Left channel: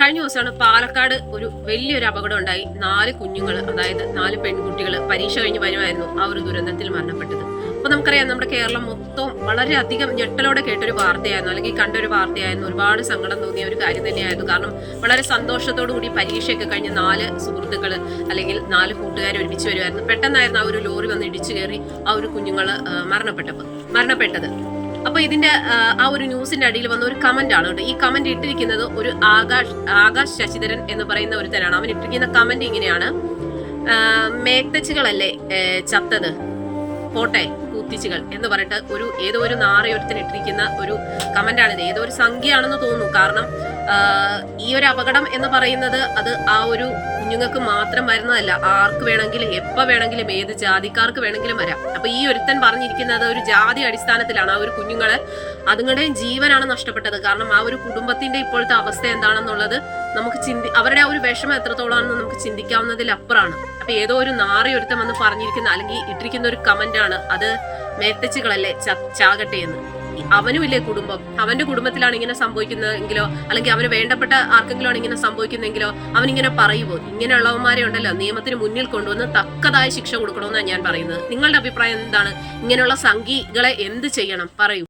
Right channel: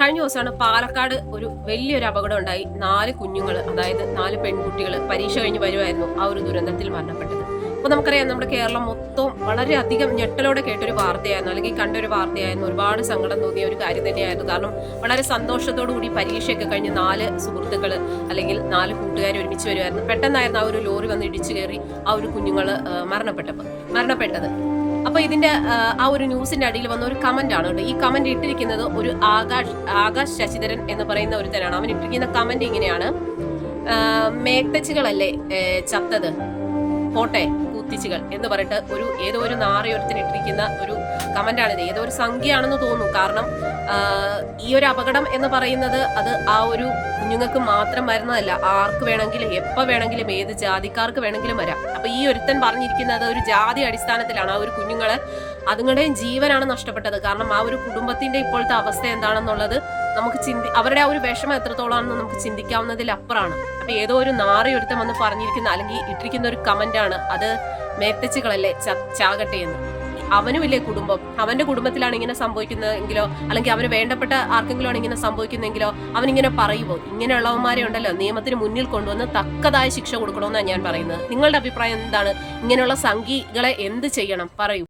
കഴിഞ്ഞ ദിവസമാണ് പാലക്കാട് ഒരു വലിയൊരു അപകടം ഉണ്ടായി. 4 കുഞ്ഞുങ്ങൾ, അതായത് 4 പെൺകുട്ടികൾ പരീക്ഷ കഴിഞ്ഞ് വരുമായിരുന്നു ആ ഒരു ദുരന്തത്തിൽ മരണപ്പെട്ടത്. അപ്പൊ നമുക്കറിയാം, നമ്മുടെ കേരളം മൊത്തം വളരെയധികം ഞെട്ടലോടെ കേട്ടൊരു വാർത്തയായിരുന്നു, അല്ലെങ്കിൽ കണ്ടൊരു വാർത്തയായിരുന്നു. ഒരുപാട് സങ്കടം തോന്നിയ ഒരു കാര്യം തന്നെയായിരുന്നു. കാരണം വളരെ സന്തോഷത്തോടു കൂടി പരീക്ഷയൊക്കെ കഴിഞ്ഞ് 4 സുഹൃത്തുക്കൾ അല്ലെങ്കിൽ 4 കൂട്ടുകാർ ഒരുമിച്ച് വരുമായിരുന്നു. പെട്ടെന്നായിരുന്നു ആ ഒരു ലോറി വന്ന് ഇടിച്ചു കയറി ആ ഒരു കുഞ്ഞുങ്ങൾ മരണപ്പെട്ടത്. അപ്പൊ ഇതിന്റെ ആ ഒരു ന്യൂസിന്റെ അടിയിൽ വന്ന ഒരു കമന്റ് ആണ് കേട്ടോ. ഈ കമന്റ് ഇട്ടിരിക്കുന്നത് ഒരു ആകാശ് ശശിധരൻ എന്ന് പറയുന്ന ഒരുത്തനാണ്. അവൻ ഇട്ടിരിക്കുന്ന കമന്റ് ഇങ്ങനെയാണ്: മേക്തച്ചുകളല്ലേ ചത്തത്, പോട്ടെ കൂത്തിച്ചുകൾ എന്ന് പറഞ്ഞിട്ട് ഏതോ ഒരു നാറയൊരുത്തിന് ഇട്ടിരിക്കുന്ന ഒരു കമന്റാണിത്. ഏതോ ഒരു സംഖ്യയാണെന്ന് തോന്നുന്നു. കാരണം ഈ ഒരു അപകടം എന്ന് പറയുന്നത് അത് ആ ഒരു കുഞ്ഞുങ്ങൾക്ക് മാത്രം വരുന്നതല്ല, ആർക്ക് വേണമെങ്കിലും എപ്പോൾ വേണമെങ്കിലും ഏത് ജാതിക്കാർക്ക് വേണമെങ്കിലും വരാം. അപ്പൊ ഈ ഒരുത്തൻ പറഞ്ഞിരിക്കുന്നത് ഒരു ജാതി അടിസ്ഥാനത്തിലാണ്. ആ ഒരു കുഞ്ഞുങ്ങളെ അതുങ്ങളുടെയും ജീവനാണ് നഷ്ടപ്പെട്ടത്. കാരണം ആ ഒരു കുടുംബത്തിന്റെ ഇപ്പോഴത്തെ അവസ്ഥ എന്താണെന്നുള്ളത് നമുക്ക് അവരുടെ ആ ഒരു വിഷമം എത്രത്തോളാണെന്ന് നമുക്ക് ചിന്തിക്കാവുന്നതിലപ്പുറമാണ്. അപ്പൊ ഏതോ ഒരു നാറിയൊരുത്തം വന്ന് പറഞ്ഞിരിക്കുന്ന അല്ലെങ്കിൽ ഇട്ടിരിക്കുന്ന ഒരു കമന്റ് ആണ് അത്: മേത്തച്ചുകളല്ലേ ചാകട്ടെ എന്ന്. അവനുമില്ലേ കുടുംബം, അവന്റെ കുടുംബത്തിലാണ് ഇങ്ങനെ സംഭവിക്കുന്നതെങ്കിലോ അല്ലെങ്കിൽ അവന് വേണ്ടപ്പെട്ട ആർക്കെങ്കിലും ആണ് ഇങ്ങനെ സംഭവിക്കുന്നെങ്കിലോ അവനിങ്ങനെ പറയുമോ? ഇങ്ങനെയുള്ളവന്മാരെ ഉണ്ടല്ലോ നിയമത്തിന് മുന്നിൽ കൊണ്ടുവന്ന് തക്കതായ ശിക്ഷ കൊടുക്കണമെന്നാണ് ഞാൻ പറയുന്നത്. നിങ്ങളുടെ അഭിപ്രായം എന്താണ്? ഇങ്ങനെയുള്ള സംഘികളെ എന്ത് ചെയ്യണം, പറയൂ.